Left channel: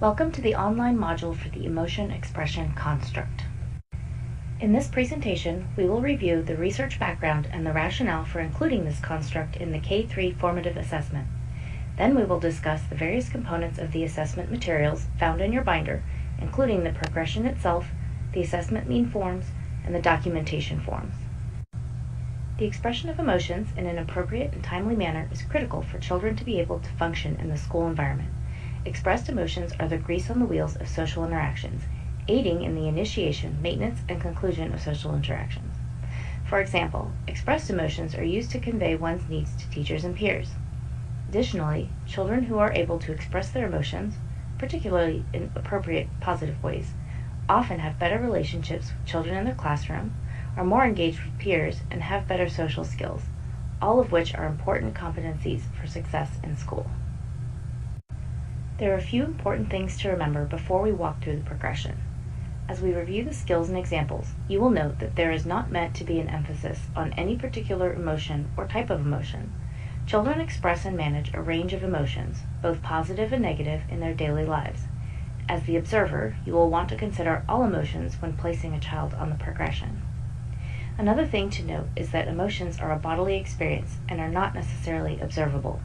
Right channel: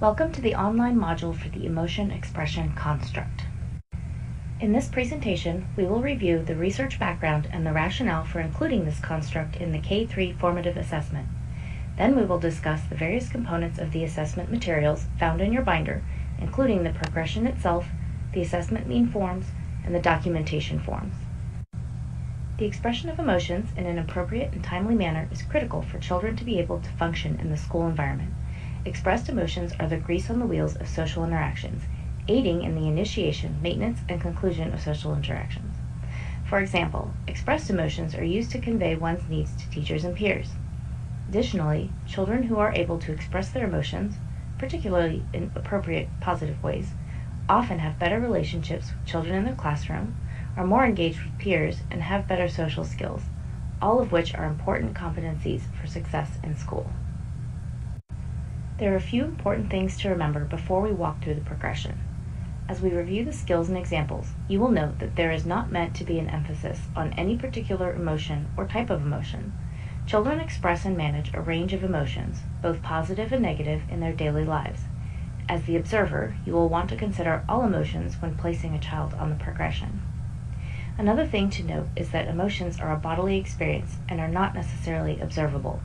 Welcome to the online module for the Emotion Expression Construct. In this presentation, we will review the research background and the rationale for including this construct in the K-3 formative assessment. Then we will discuss the various components of the assessment materials found in your binder, including the progression itself, the assessment mean forms, and the documentation forms. The expression of emotions in an appropriate and timely manner is critical for children to be able to function in the school environment. Expressed emotions are the grease on the wheels of social interactions, aiding in the initiation, maintenance, and conclusion of social interactions. For example, expressed emotions are used to convey one's needs to teachers and peers. Additionally, children who are able to express their emotions, particularly in appropriate, positive ways, often have better relationships with children in their classroom, are more engaged with peers, and have better social skills, all of which are important competencies for success in school. There are a few important things to remember before we walk through the progression. As we review the skills and examples, you will note that there is not meant to be an emphasis on any particular emotion or type of emotion. Children express and manage a range of emotions, both positive and negative, in their daily lives. As the observer, you will want to consider all emotions when placing a child on the progression. Another thing to note is that emotions are a bodily experience and are not necessarily observable.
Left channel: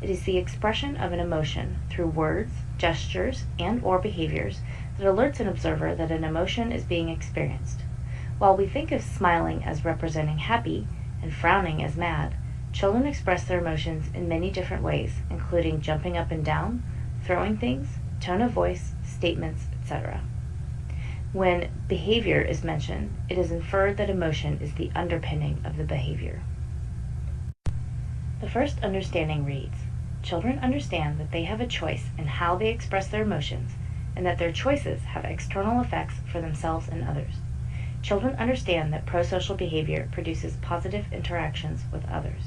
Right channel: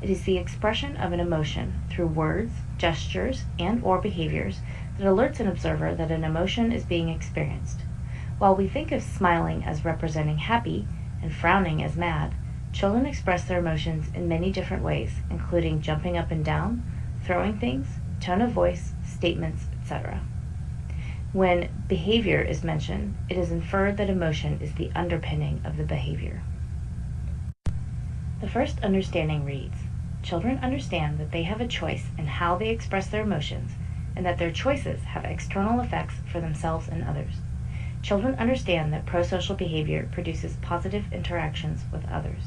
It is the expression of an emotion through words, gestures, and/or behaviors that alerts an observer that an emotion is being experienced. While we think of smiling as representing happy and frowning as mad, children express their emotions in many different ways, including jumping up and down, throwing things, tone of voice, statements, etc. When behavior is mentioned, it is inferred that emotion is the underpinning of the behavior. The first understanding reads, children understand that they have a choice in how they express their emotions and that their choices have external effects for themselves and others. Children understand that prosocial behavior produces positive interactions with others.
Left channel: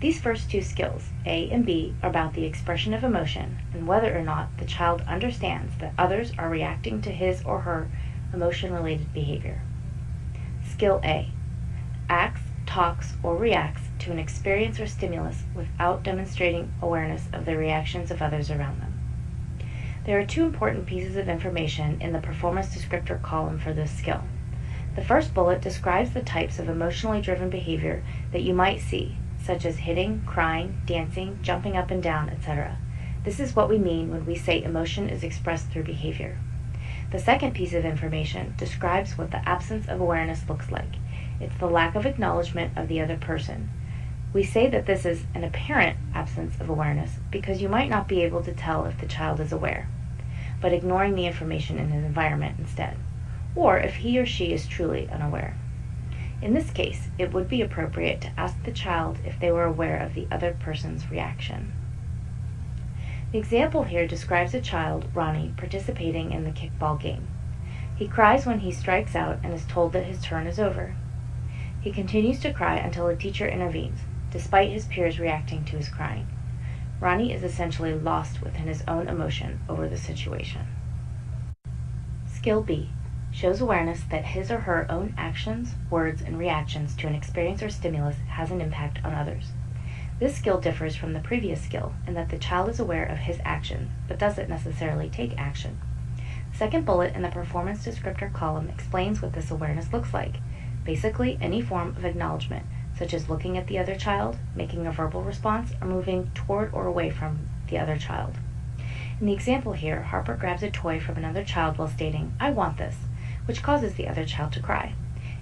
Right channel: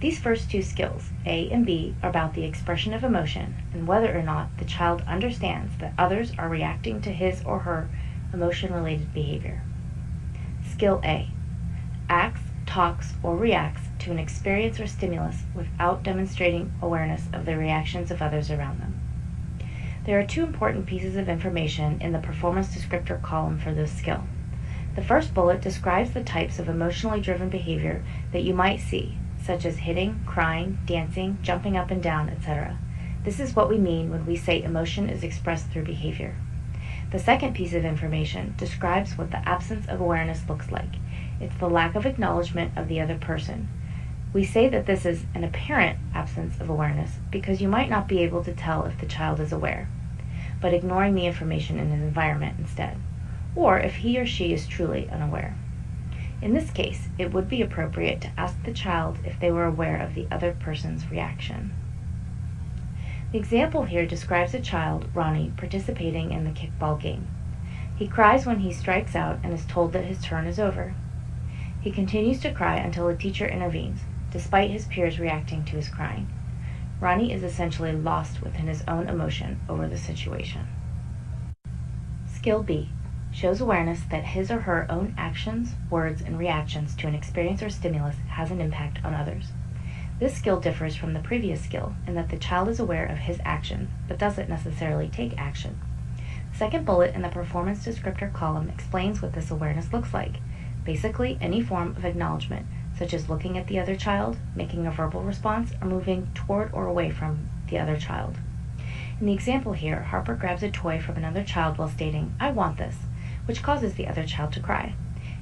These first two skills, A and B, are about the expression of emotion and whether or not the child understands that others are reacting to his or her emotion-related behavior. Skill A, acts, talks, or reacts to an experience or stimulus without demonstrating awareness of the reactions of others around them. There are two important pieces of information in the performance descriptor column for this skill. The first bullet describes the types of emotionally driven behavior that you might see, such as hitting, crying, dancing, jumping up and down, etc. This is what we mean when we say emotion is expressed through behavior. The second piece of information describes what the absence of awareness looks like. It's the lack of acknowledgement of the other person. We say that this is an apparent absence of awareness because you might not be able to tell if the child is aware, but ignoring the information in an environment instead, or if he or she is truly unaware. In this case, it would be appropriate to ask the child if they were aware of the other person's reaction. The example here describes a child, Ronnie, participating in the kickball game. He cries when he strikes out and is told that his turn is over. He continues to cry until a teacher intervenes, despite his peers reacting to his crying. Ronnie is essentially lost within his own emotion over the situation. Skill B shows awareness that his or her own actions, words, and reactions to an experience or stimulus has an impact on others. This skill differs from the previous skill in that the child is aware of his action, but doesn't necessarily take action. The second bullet in the performance descriptor column explains what this awareness looks like. Basically, any form of acknowledgement, such as looking at the other child, making a verbal response, or moving toward or away from the other child. In the example here, Harper grabs a toy from another child while stating, "I want this," which causes the other child to cry.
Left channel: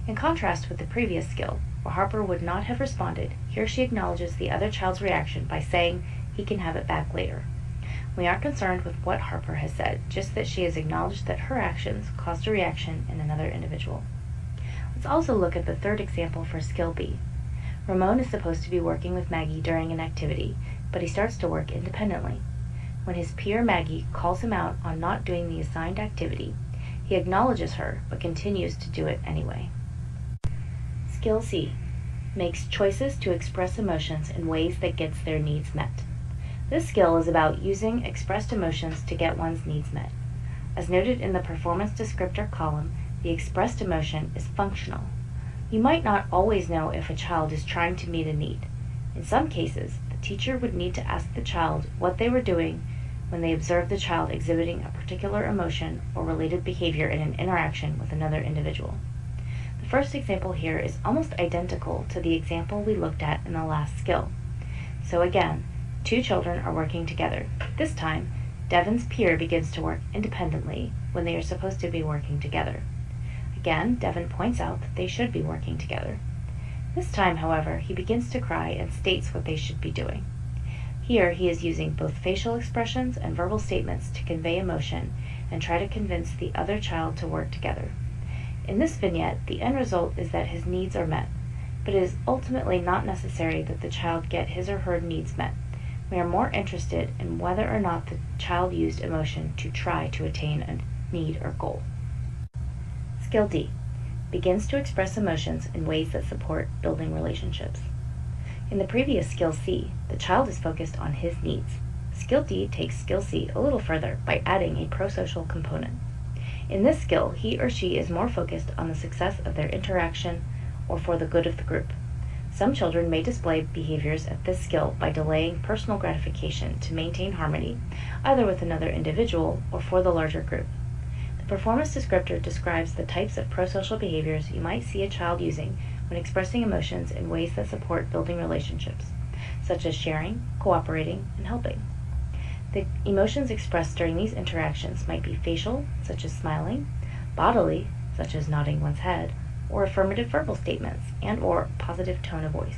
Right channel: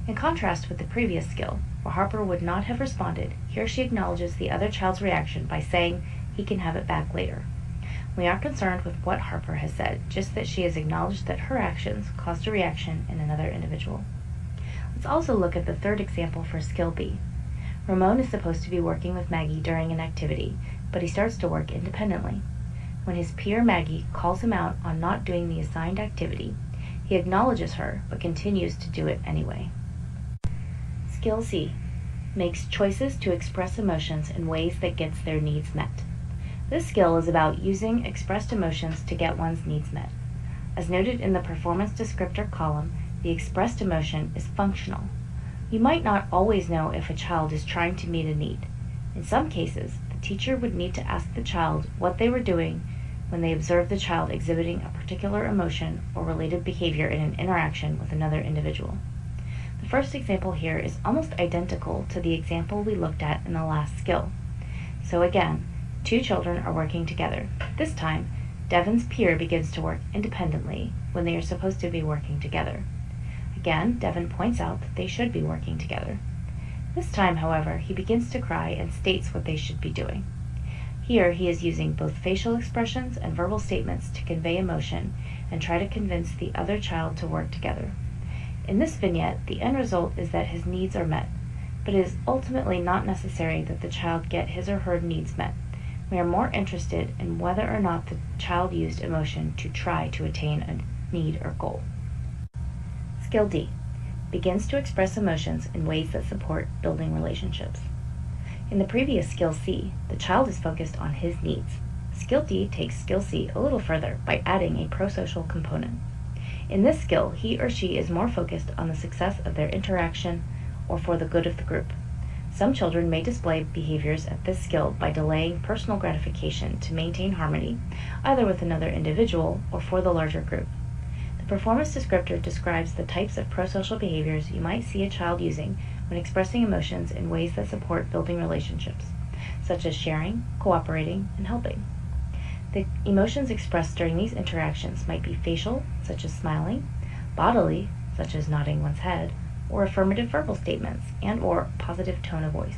In contrast with the previous skill, where Harper would not have responded, here she acknowledges the other child's reaction by saying he can have it back later. We aren't concerned with what Harper has said, just that she has acknowledged that her actions caused a reaction in another individual. Let's also look at the third example for skill B. Ramon is supposed to be working with Maggie during an activity, but he starts to work independently. When his peer Maggie calls him out on not doing the assigned activity, he acknowledges her, but continues to do it anyway. Skill C makes choices to express emotions in ways that gets their needs met. This skill is about using expressed emotions to get one's needs met. As noted in the performance descriptor column, the expressed emotion is functional. You might not always know if a child is trying to meet a need. In some cases, the teacher would need to ask the child what they were doing when they observe the child exhibiting a particular emotion or related behavior in an interaction with another individual. The first example here is almost identical to the example we looked at in the last skill. So again, two children are working together. This time, Devon's peer begins to work independently when they are supposed to be working together. Again, Devon points out that they should be working together. This time, however, he begins to cry and states what they should be doing. Here, he is using both facial expressions and verbal statements to convey emotion and try to convince the other child to work together. In this vignette, the end result is that his needs are met, but it is ultimately not necessary that the child get his or her needs met. We are more interested in whether or not the child used emotion to try to attain a need or goal. Skill D begins to express emotions in ways that support building relationships. In the previous skill C, the child is focused on his needs. Skill D takes skill C a little further by adding a prosocial component. In this skill, he or she is more focused on the success of their interaction or for the good of the group. Some children may display behaviors at this skill by delaying personal gratification to maintain harmony, either with another individual or for the larger group. The performance descriptor describes the types of prosocial behaviors you might see a child using when expressing emotions in ways that support building relationships, such as sharing, cooperating, and helping. The emotions expressed during these interactions might be facial, such as smiling, bodily, such as nodding one's head, or affirmative verbal statements and/or positive tone of voice.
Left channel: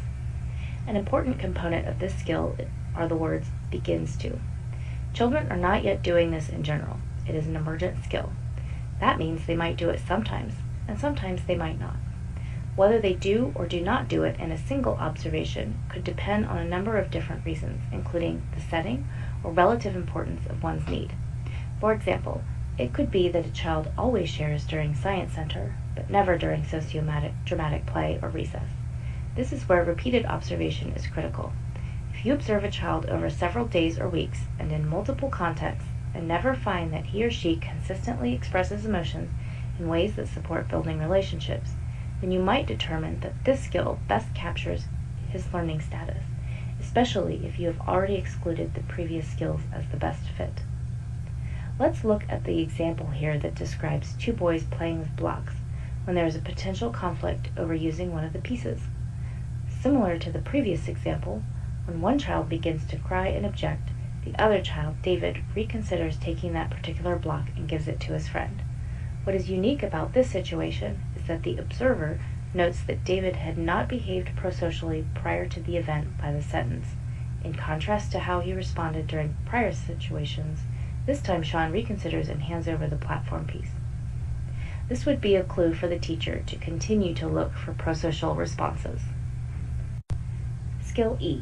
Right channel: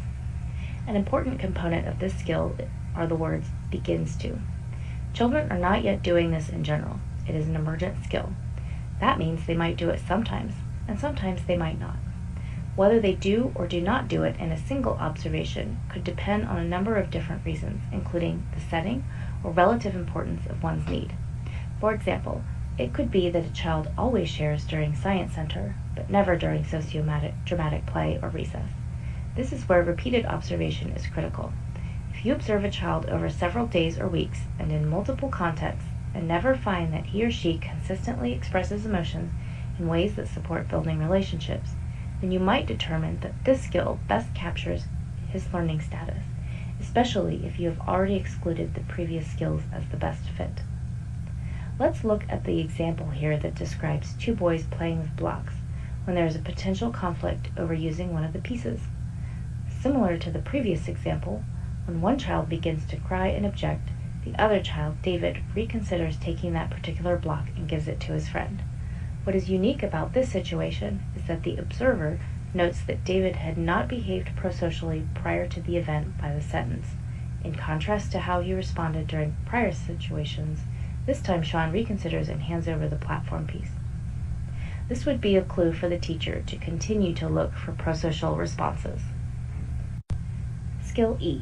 An important component of this skill are the words begins to. Children are not yet doing this in general. It is an emergent skill. That means they might do it sometimes, and sometimes they might not. Whether they do or do not do it in a single observation could depend on a number of different reasons, including the setting or relative importance of one's need. For example, it could be that a child always shares during science center, but never during dramatic play or recess. This is where repeated observation is critical. If you observe a child over several days or weeks and in multiple contexts and never find that he or she consistently expresses emotions in ways that support building relationships, then you might determine that this skill best captures his learning status, especially if you have already excluded the previous skills as the best fit. Let's look at the example here that describes two boys playing with blocks when there is a potential conflict over using one of the pieces. Similar to the previous example, when one child begins to cry and object, the other child, David, reconsiders taking that particular block and gives it to his friend. What is unique about this situation is that the observer notes that David had not behaved prosocially prior to the event by the sentence. In contrast to how he responded during prior situations, this time Sean reconsiders and hands over the platform piece. This would be a clue for the teacher to continue to look for prosocial responses. Skill E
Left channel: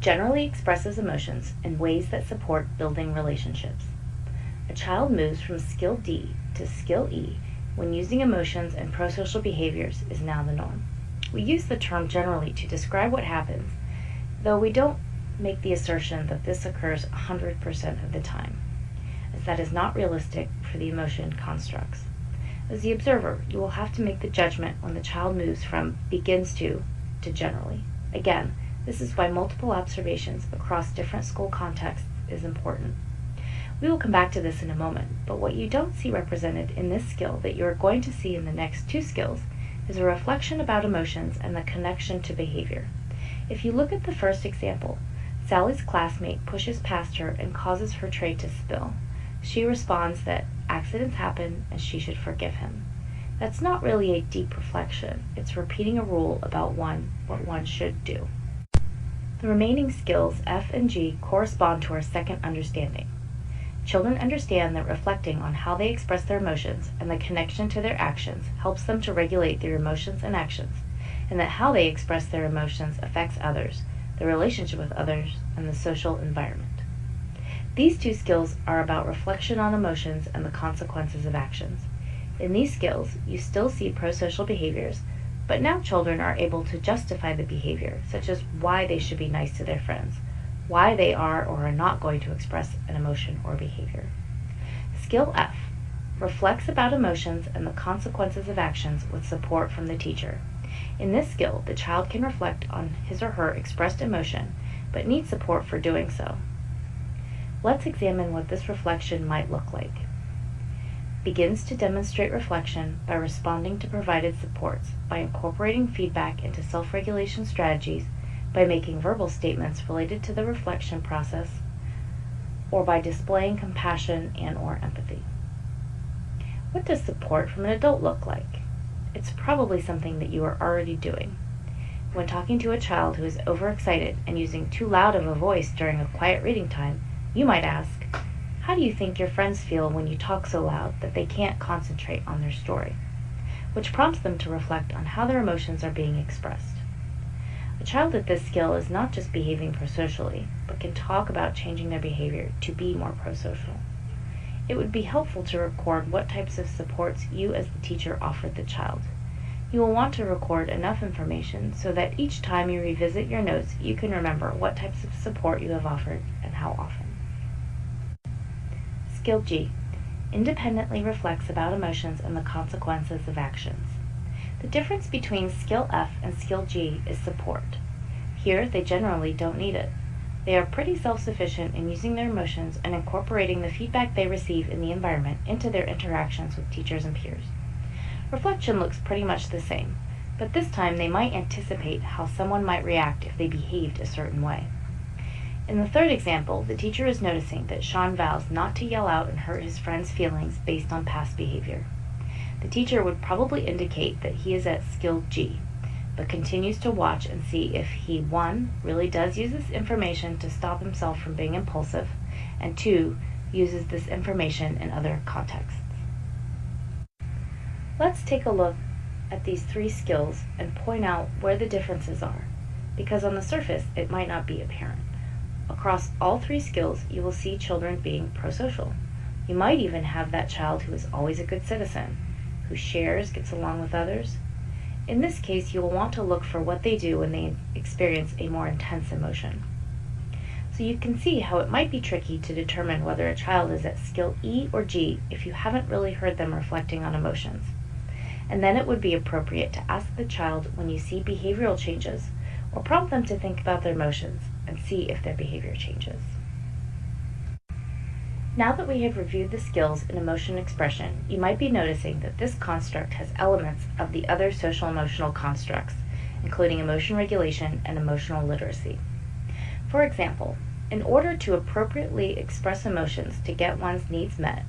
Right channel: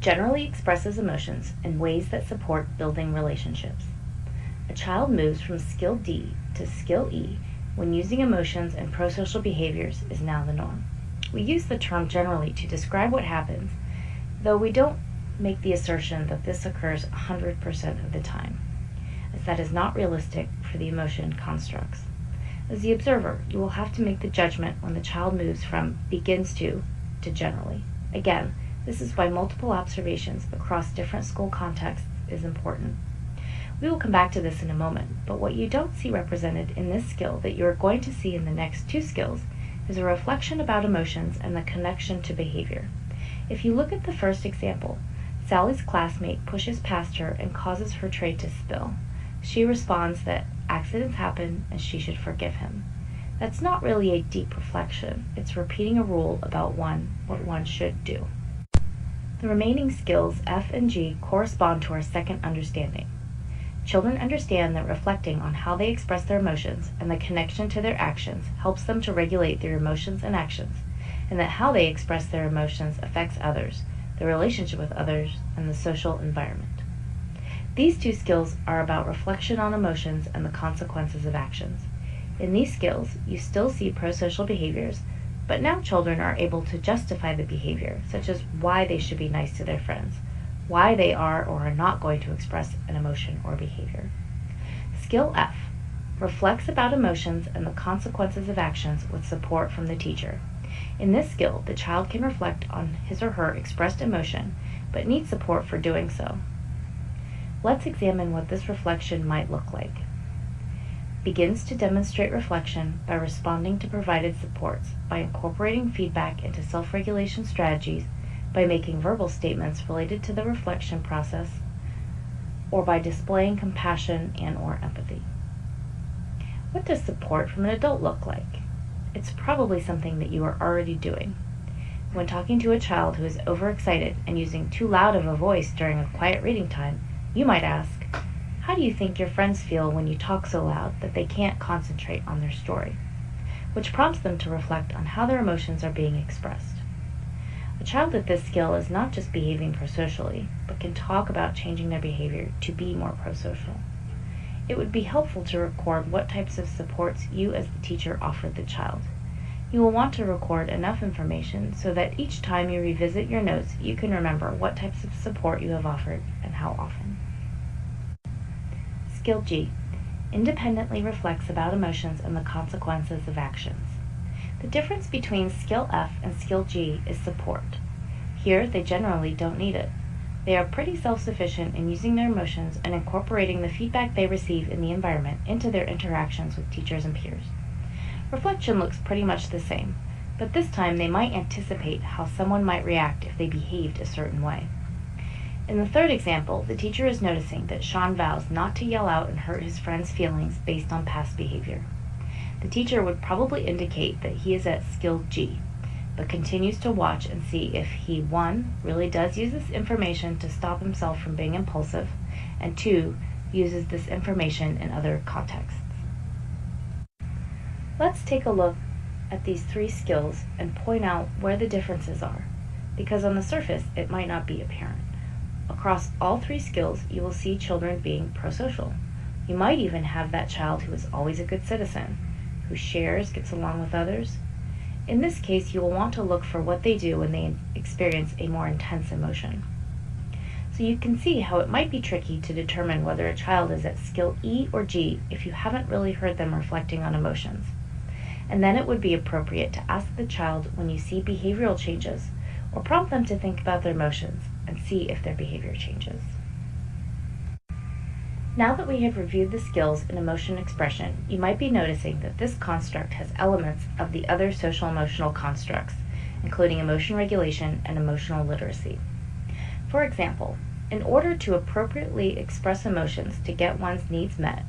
generally expresses emotions in ways that support building relationships. A child moves from skill D to skill E when using emotions and prosocial behaviors is now the norm. We use the term generally to describe what happens, though we don't make the assertion that this occurs 100% of the time, as that is not realistic for the emotion constructs. As the observer, you will have to make the judgment when the child moves from begins to generally. Again, this is why multiple observations across different school contexts is important. We will come back to this in a moment, but what you don't see represented in this skill that you are going to see in the next two skills is a reflection about emotions and the connection to behavior. If you look at the first example, Sally's classmate pushes past her and causes her tray to spill. She responds that accidents happen and she should forgive him. That's not really a deep reflection. It's repeating a rule about what one should do. The remaining skills, F and G, correspond to our second understanding. Children understand that reflecting on how they express their emotions and the connection to their actions helps them to regulate their emotions and actions, and that how they express their emotions affects others, their relationship with others, and the social environment. These two skills are about reflection on emotions and the consequences of actions. In these skills, you still see prosocial behaviors, but now children are able to justify the behavior, such as why they should be nice to their friends, why they are or are not going to express an emotion or behavior. Skill F reflects about emotions and the consequences of actions with support from the teacher. In this skill, the child can reflect on his or her expressed emotion, but needs support for doing so. Let's examine what this reflection might look like. Begins to demonstrate reflection by responding to provided supports, by incorporating feedback into self-regulation strategies, by making verbal statements related to the reflection process, or by displaying compassion and/or empathy. What does support from an adult look like? It's probably something that you are already doing. When talking to a child who is overexcited and using too loud of a voice during a quiet reading time, you might ask, how do you think your friends feel when you talk so loud that they can't concentrate on their story? Which prompts them to reflect on how their emotions are being expressed. A child at this skill is not just behaving prosocially, but can talk about changing their behavior to be more prosocial. It would be helpful to record what types of supports you as the teacher offered the child. You will want to record enough information so that each time you revisit your notes, you can remember what types of support you have offered and how often. Skill G. Independently reflects about emotions and the consequences of actions. The difference between Skill F and Skill G is support. Here, they generally don't need it. They are pretty self-sufficient in using their emotions and incorporating the feedback they receive in the environment into their interactions with teachers and peers. Reflection looks pretty much the same, but this time they might anticipate how someone might react if they behaved a certain way. In the third example, the teacher is noticing that Sean vows not to yell out and hurt his friend's feelings based on past behavior. The teacher would probably indicate that he is at Skill G, but continues to watch and see if he, 1, really does use this information to stop himself from being impulsive, and 2, uses this information in other contexts. Let's take a look at these 3 skills and point out where the differences are, because on the surface it might not be apparent. Across all 3 skills, you will see children being prosocial. You might even have that child who is always a good citizen, who shares, gets along with others. In this case, you will want to look for what they do when they experience a more intense emotion. So you can see how it might be tricky to determine whether a child is at Skill E or G if you haven't really heard them reflecting on emotions. And then it would be appropriate to ask the child when you see behavioral changes, or prompt them to think about their emotions and see if their behavior changes. Now that we have reviewed the skills in emotion expression, you might be noticing that this construct has elements of the other social-emotional constructs, including emotion regulation and emotional literacy. For example, in order to appropriately express emotions to get one's needs met,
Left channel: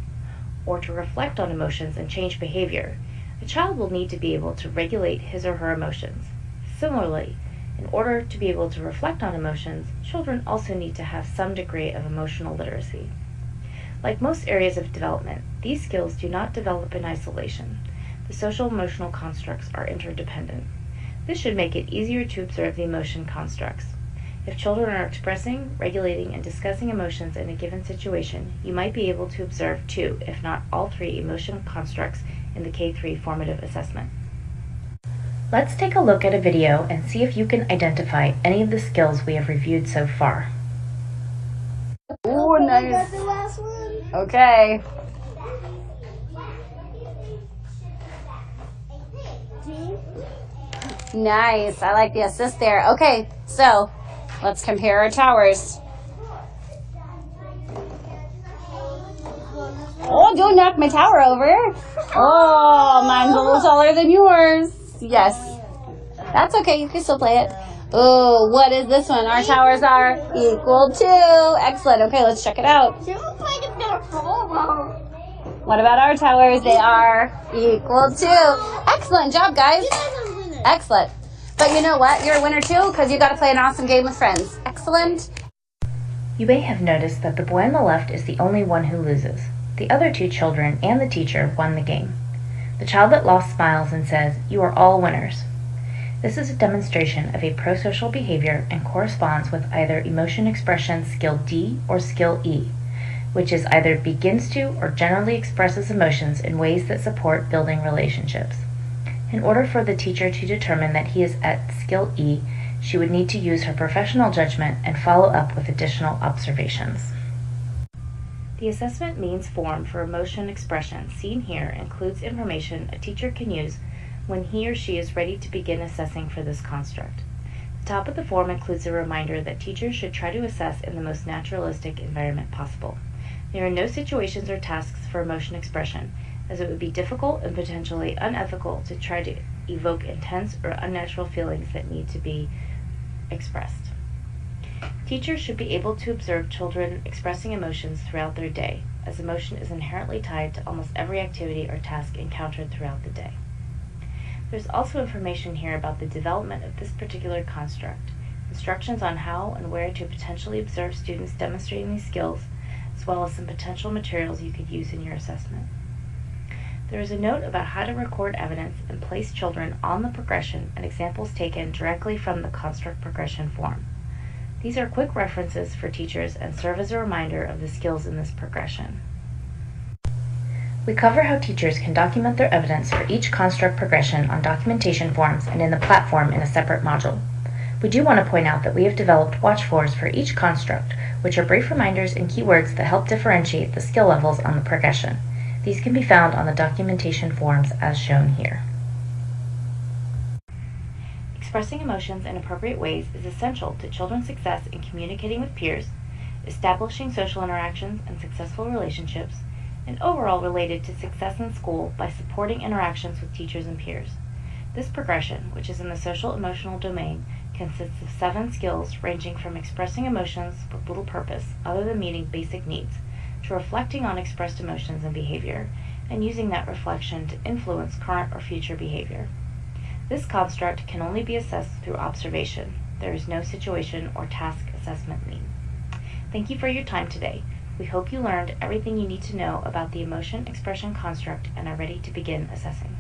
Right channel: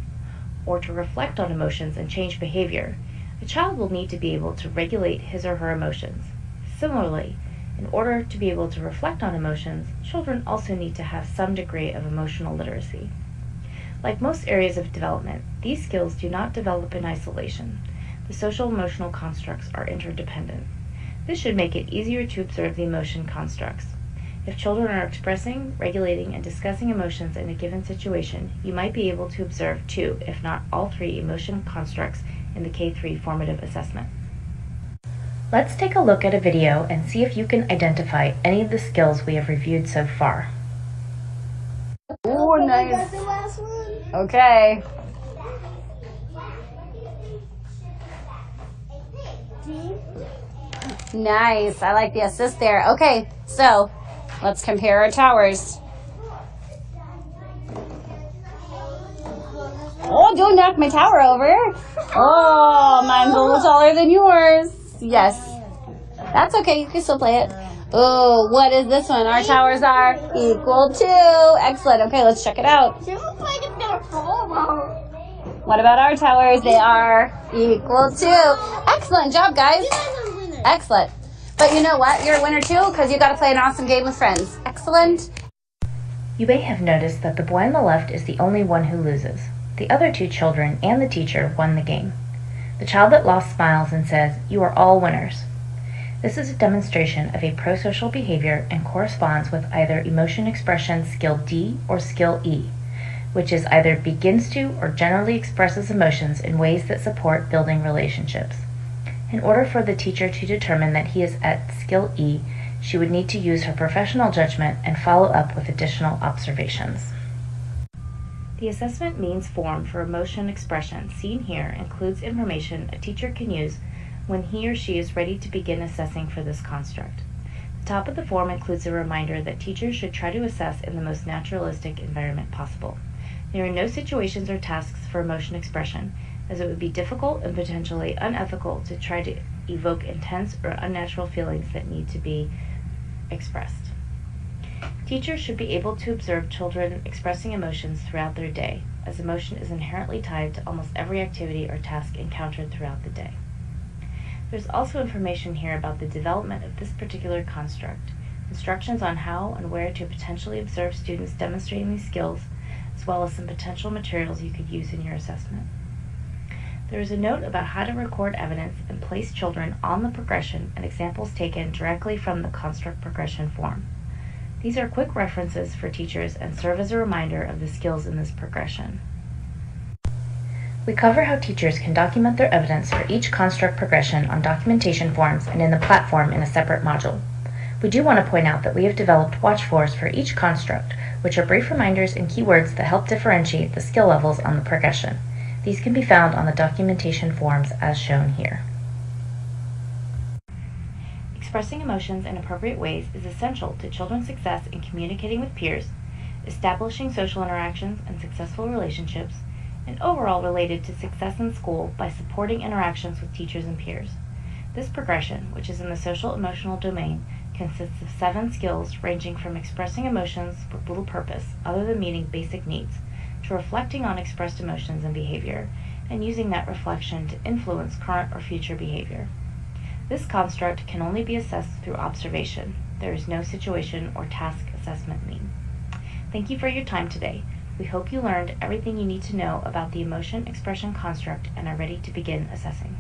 or to reflect on emotions and change behavior, a child will need to be able to regulate his or her emotions. Similarly, in order to be able to reflect on emotions, children also need to have some degree of emotional literacy. Like most areas of development, these skills do not develop in isolation. The social-emotional constructs are interdependent. This should make it easier to observe the emotion constructs. If children are expressing, regulating, and discussing emotions in a given situation, you might be able to observe 2, if not all 3, emotion constructs in the K-3 formative assessment. Let's take a look at a video and see if you can identify any of the skills we have reviewed so far. Ooh, nice. Okay. Nice. I like the assist there. Okay, so let's compare our towers. Oh, don't knock my tower over. Oh, mine's a little taller than yours. Yes. That's okay. You can still play it. Oh, what is this one? Our towers are equal to. Excellent. Okay, let's check it out. What about our towers? They are equal to. Excellent job, guys. Excellent. But you know what? You're a winner too because you got to play an awesome game with friends. Excellent. You may have noticed that the boy on the left is the only one who loses. The other 2 children and the teacher won the game. The child that lost smiles and says, "You are all winners." This is a demonstration of a prosocial behavior and corresponds with either emotion expression skill D or skill E, which is either begins to or generally expresses emotions in ways that support building relationships. In order for the teacher to determine that he is at skill E, she would need to use her professional judgment and follow up with additional observations. The assessment means form for emotion expression seen here includes information a teacher can use when he or she is ready to begin assessing for this construct. The top of the form includes a reminder that teachers should try to assess in the most naturalistic environment possible. There are no situations or tasks for emotion expression, as it would be difficult and potentially unethical to try to evoke intense or unnatural feelings that need to be expressed. Teachers should be able to observe children expressing emotions throughout their day, as emotion is inherently tied to almost every activity or task encountered throughout the day. There's also information here about the development of this particular construct, instructions on how and where to potentially observe students demonstrating these skills, as well as some potential materials you could use in your assessment. There is a note about how to record evidence and place children on the progression and examples taken directly from the construct progression form. These are quick references for teachers and serve as a reminder of the skills in this progression. We cover how teachers can document their evidence for each construct progression on documentation forms and in the platform in a separate module. We do want to point out that we have developed watch fors for each construct, which are brief reminders and keywords that help differentiate the skill levels on the progression. These can be found on the documentation forms as shown here. Expressing emotions in appropriate ways is essential to children's success in communicating with peers, establishing social interactions and successful relationships, and overall related to success in school by supporting interactions with teachers and peers. This progression, which is in the social-emotional domain, consists of 7 skills ranging from expressing emotions with little purpose other than meeting basic needs, to reflecting on expressed emotions and behavior, and using that reflection to influence current or future behavior. This construct can only be assessed through observation. There is no situation or task assessment need. Thank you for your time today. We hope you learned everything you need to know about the emotion expression construct and are ready to begin assessing.